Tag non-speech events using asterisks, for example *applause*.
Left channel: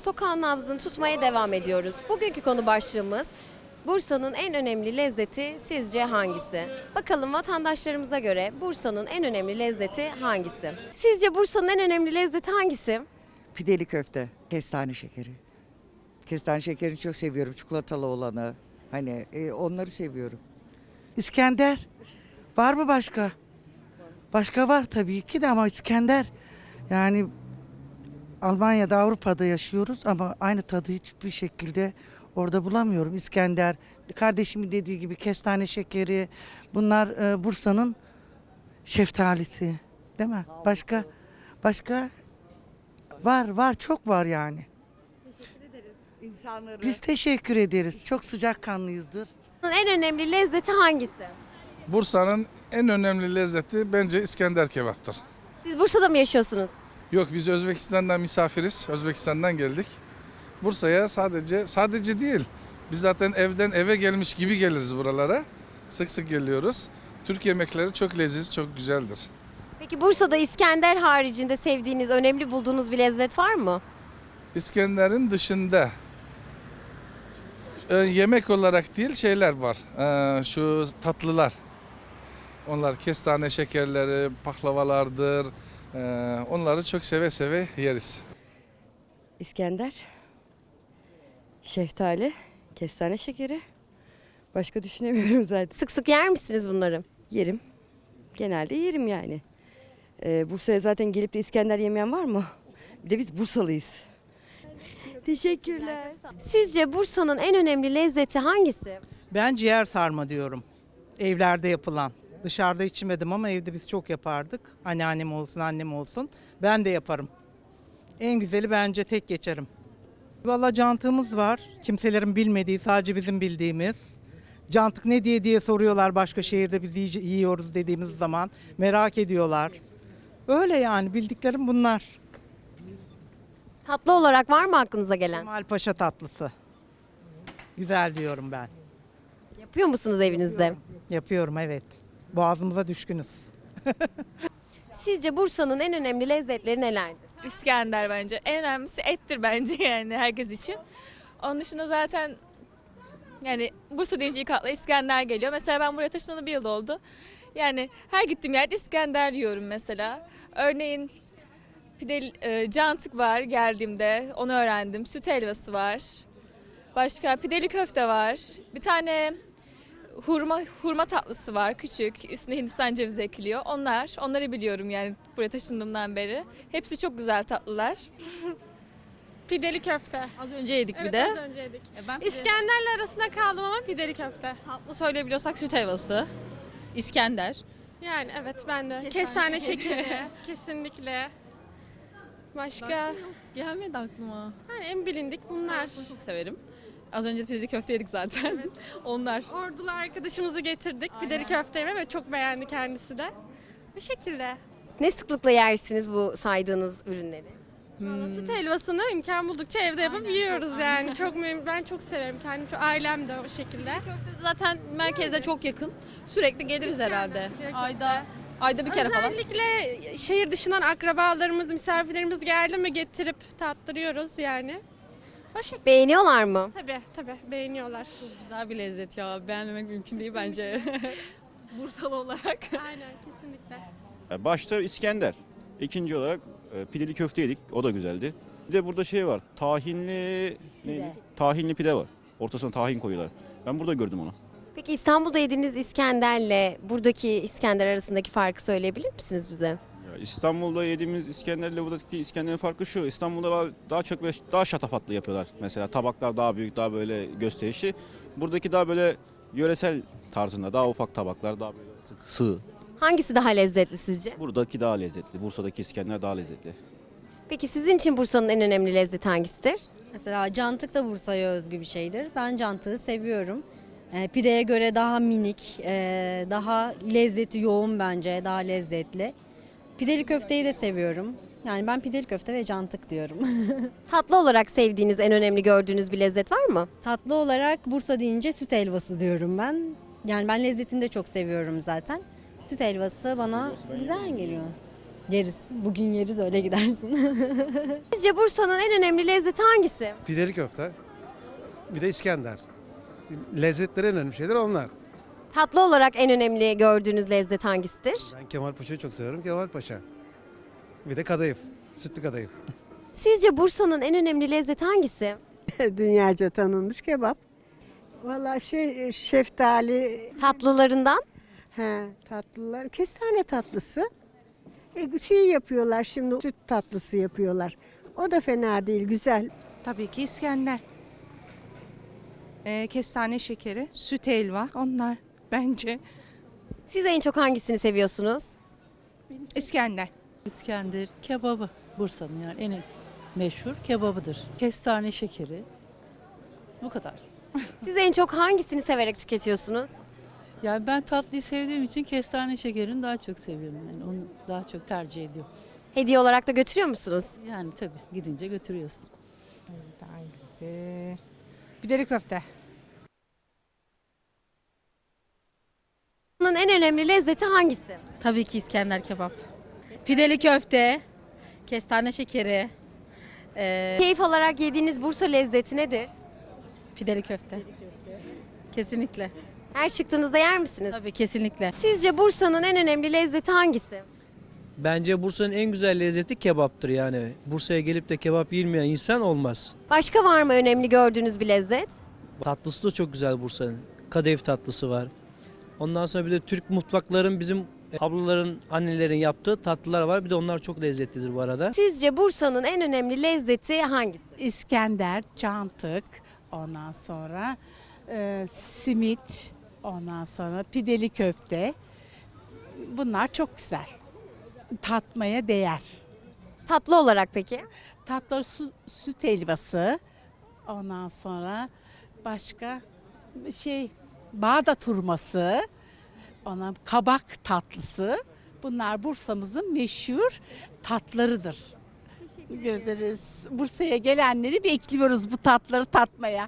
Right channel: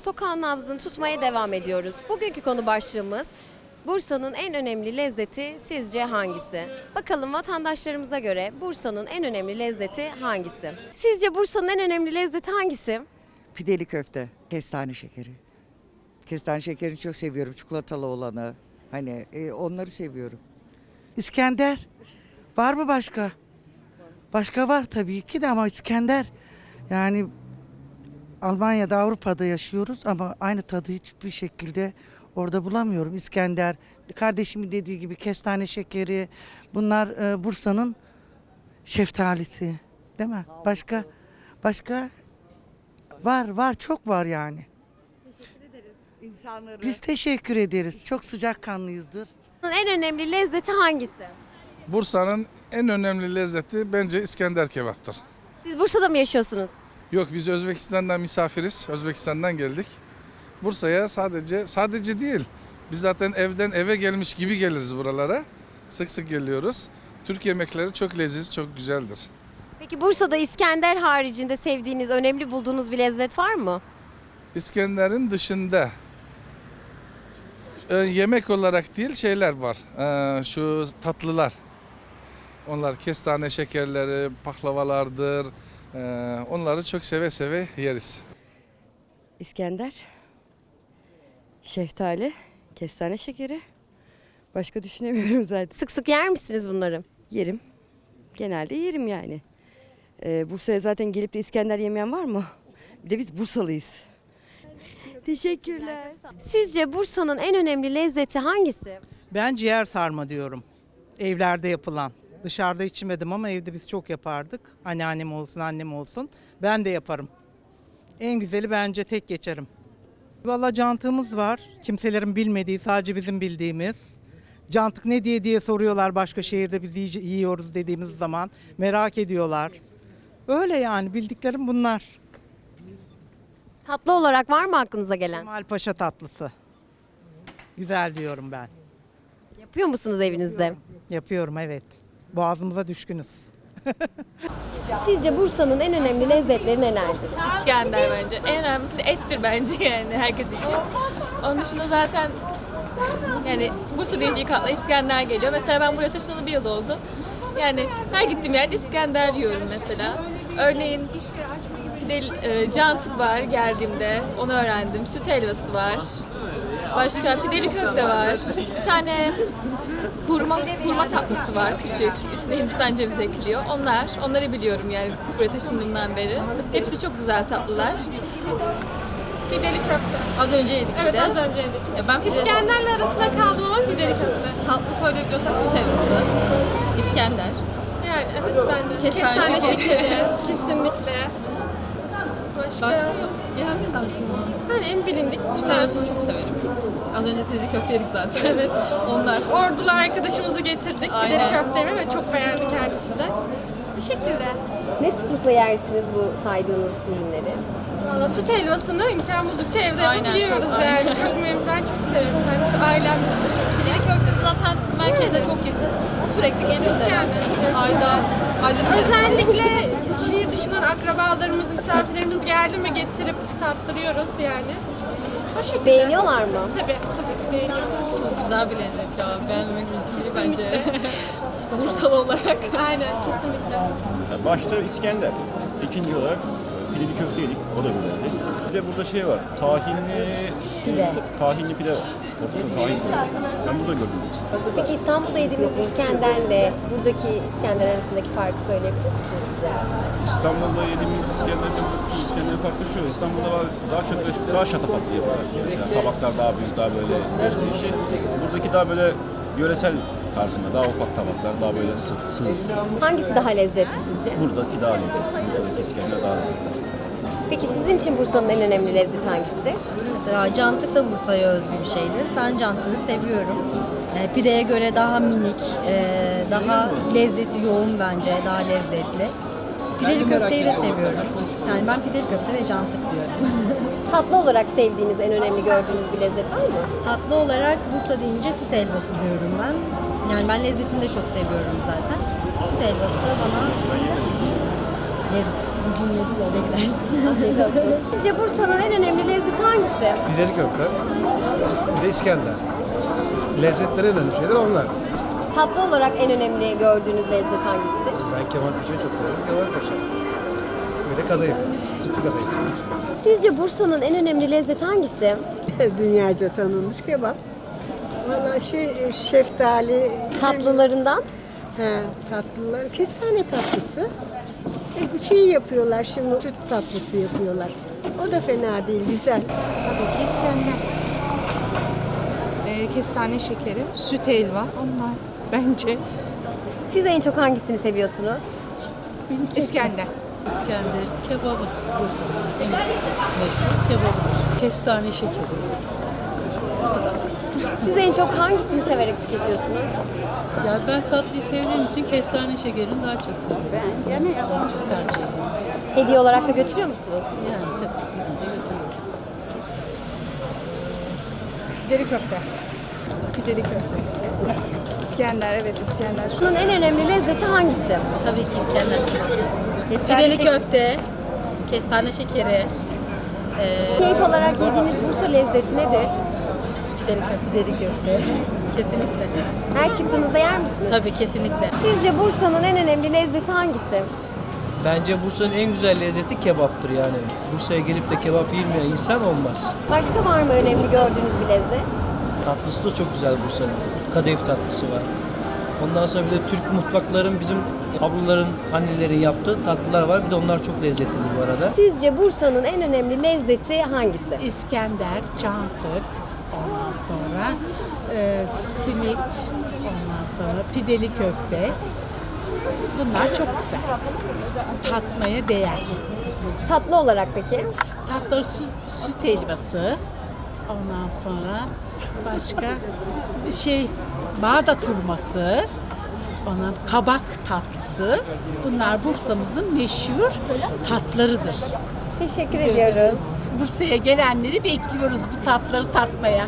sokağın nabzını tutmaya devam ediyoruz. Bugünkü konu başlığımız Bursa'nın en önemli lezzeti sizce hangisi? Bakalım vatandaşlarımıza göre Bursa'nın en önemli lezzeti hangisi? Sizce Bursa'nın en önemli lezzeti hangisi? Pideli köfte, kestane şekeri. Kestane şekerini çok seviyorum. Çikolatalı olanı. Hani e, onları seviyorum. İskender. Var mı başka? Başka var tabii ki de ama İskender. Yani Almanya'da, Avrupa'da yaşıyoruz ama aynı tadı hiçbir şekilde orada bulamıyorum. İskender, kardeşimin dediği gibi kestane şekeri. Bunlar e, Bursa'nın şeftalisi. Değil mi? Başka başka Var var çok var yani. İnsanları. Biz teşekkür ederiz. Çok sıcakkanlıyızdır. En önemli lezzeti hangisi? Bursa'nın en önemli lezzeti bence İskender kebaptır. Siz Bursa'da mı yaşıyorsunuz? Yok biz Özbekistan'dan misafiriz. Özbekistan'dan geldik. Bursa'ya sadece sadece değil. Biz zaten evden eve gelmiş gibi geliriz buralara. Sık sık geliyoruz. Türk yemekleri çok leziz, çok güzeldir. Peki Bursa'da İskender haricinde sevdiğiniz, önemli bulduğunuz bir lezzet var mı? İskender'in dışında e, yemek olarak değil şeyler var. E, şu tatlılar. Onlar kestane şekerleri, paklavalardır. E, onları çok seve seve yeriz. İskender, şeftali, kestane şekeri. Başka düşünemiyorum *laughs* zaten. Sık sık yer misiniz bunları? Yerim. Genelde yerim yani. Ee, Bursa'ya zaten gelip de İskender yemeyen var mı? Bir de biz Bursalıyız. Teşekkürler. Sizce Bursa'nın en önemli lezzeti hangisi? Ben ciğer sarma diyorum. Evlerde yapılan. Dışarıda içmedim ama evde biz çok yapardık. Anneannem olsun, annem olsun. Ben de yaparım. En güzeli bence tek geçerim. Valla cantığımız var. Kimselerin bilmediği, sadece bizim bildiğimiz. Cantık ne diye diye soruyorlar başka şehirde biz yiyoruz dediğimiz zaman. Merak ediyorlar. Öyle yani bildiklerim bunlar. Tatlı olarak var mı aklınıza gelen? Kemal Paşa tatlısı. Güzel diyorum ben. Yapıyor musunuz evinizde? Yapıyorum evet. Boğazımıza düşkünüz. Sizce Bursa'nın en önemli lezzetleri nelerdir? İskender bence. En önemlisi ettir bence yani herkes için. Onun dışında zaten yani Bursa deyince ilk akla İskender geliyor. Mesela ben buraya taşınalı bir yıl oldu. Yani her gittiğim yerde İskender yiyorum mesela. Örneğin pide, e, cantık var geldiğimde onu öğrendim. Süt helvası var. Başka pideli köfte var. Bir tane hurma hurma tatlısı var küçük. Üstüne Hindistan cevizi ekliyor. Onlar, onları biliyorum yani buraya taşındığımdan beri. Hepsi çok güzel tatlılar. Pideli köfte. Az önce yedik bir Evet de. az önce yedik. Ya ben pide, İskender'le arasında kaldım ama pideli köfte. tatlı söyleyebiliyorsak süt helvası, İskender. Yani evet ben de. Kestane şekeri. Kesinlikle. Başka? Başka yok. Gelmedi aklıma. Hani en bilindik. Süt helvasını çok severim. Az önce pide köfte yedik zaten. Evet. *laughs* Onlar. Ordulu arkadaşımızı getirdik. Aynen. köftemi ve çok beğendi kendisi de. Bu şekilde. Ne sıklıkla yersiniz bu saydığınız ürünleri? Valla süt helvasını imkan buldukça evde Aynen, yapabiliyoruz çok, yani. *laughs* Çok memnun. Ben çok severim. Ben ailemle de çok Pide köfte de zaten merkeze çok yakın. Sürekli geliriz herhalde. Ayda, ayda bir. Özellikle şehir dışından akrabalarımız, misafirlerimiz geldi mi getirip tattırıyoruz yani. O şekilde. Beğeniyorlar mı? Tabii, tabii beğeniyorlar. Çok güzel bir lezzet ya. Beğenmemek mümkün değil bence. *laughs* Bursalı olarak. Aynen, kesinlikle. Başta İskender. İkinci olarak pideli köfte yedik. O da güzeldi. Bir de burada şey var. Tahinli pide. Tahinli pide var. Ortasına tahin koyuyor. Ben burada gördüm. Peki İstanbul'da yediğiniz İskender'le buradaki İskender arasındaki farkı söyleyebilir misiniz bize? İstanbul'da yediğimiz İskender'le buradaki İskender farklı şu. İstanbul'da daha çok daha şatafatlı yapıyorlar. Mesela tabaklar daha büyük, daha böyle gösterişli. Buradaki daha böyle yöresel tarzında, daha ufak tabaklar, daha böyle sığ. sığ. Hangisi daha lezzetli sizce? Buradaki daha lezzetli. Buradaki İskender daha lezzetli. Peki sizin için Bursa'nın en önemli lezzeti hangisidir? Mesela cantık da Bursa'ya özgü bir şeydir. Ben cantığı seviyorum. E, pideye göre daha minik, e, daha lezzeti yoğun bence, daha lezzetli. Pideli köfteyi de seviyorum. Yani ben pideli köfte ve cantık diyorum. *laughs* Tatlı olarak sevdiğiniz, en önemli gördüğünüz bir lezzet var mı? Tatlı olarak Bursa deyince süt helvası diyorum ben. Yani ben lezzetini de çok seviyorum zaten. Süt helvası bana güzel geliyor. Yeriz. Yeriz öyle gidersin. *laughs* Sizce Bursa'nın en önemli lezzeti hangisi? pideli köfte, bir de İskender. Lezzetleri önemli şeyler onlar. Tatlı olarak en önemli gördüğünüz lezzet hangisidir? Ben Kemal Paşa'yı çok severim. Kemal Paşa. Bir de kadayıf, sütlü kadayıf. Sizce Bursa'nın en önemli lezzeti hangisi? *laughs* Dünyaca tanınmış kebap. Valla şey şeftali, Tatlılarından? ha, tatlılar, kestane tatlısı. Şey yapıyorlar şimdi, süt tatlısı yapıyorlar. O da fena değil, güzel. Tabii ki İskender. Ee, kestane şekeri, süt helva onlar bence. Siz en çok hangisini seviyorsunuz? İskender. İskender, kebabı. Meşhur kebaptır. Kestane şekeri. Siz en çok hangisini severek tüketiyorsunuz? Ya ben tatlıyı sevdiğim için kestane şekerini daha çok seviyorum. Ben yani daha çok tercih ediyorum. Hediye olarak da götürüyor musunuz? Yani tabii önce götürüyoruz. Deri köfte. Pideli köftesi. İskender, evet İskender. Bursa'nın en önemli lezzeti hangisi? Tabii ki İskender kebap. Pideli köfte, kestane şekeri, Keyif olarak yediğiniz Bursa lezzeti nedir? Pideli köfte. Pideli köfte. Kesinlikle. Her çıktığınızda yer misiniz? Tabii kesinlikle. Sizce Bursa'nın en önemli lezzeti hangisi? Bence Bursa'nın en güzel lezzeti kebaptır yani. Bursa'ya gelip de kebap yemeyen insan olmaz. Başka var mı önemli gördüğünüz bir lezzet? Tatlısı da çok güzel Bursa'nın. Kadayıf tatlısı var. Ondan sonra bir de Türk mutfakların bizim ablaların, annelerin yaptığı tatlılar var. Bir de onlar çok lezzetlidir bu arada. Sizce Bursa'nın en önemli lezzeti hangisi? İskender, cantık, ondan sonra e, simit, ondan sonra pideli köfte. Bunlar çok güzel. Tatmaya değer. Tatlı olarak peki? Tatlı süt, süt helvası. Ondan sonra başka şey Bağdat hurması. Ona kabak tatlısı. Bunlar Bursa'mızın meşhur tatlarıdır. Teşekkür ediyoruz. Bursa'ya gelenleri bekliyoruz bu tatları tatmaya.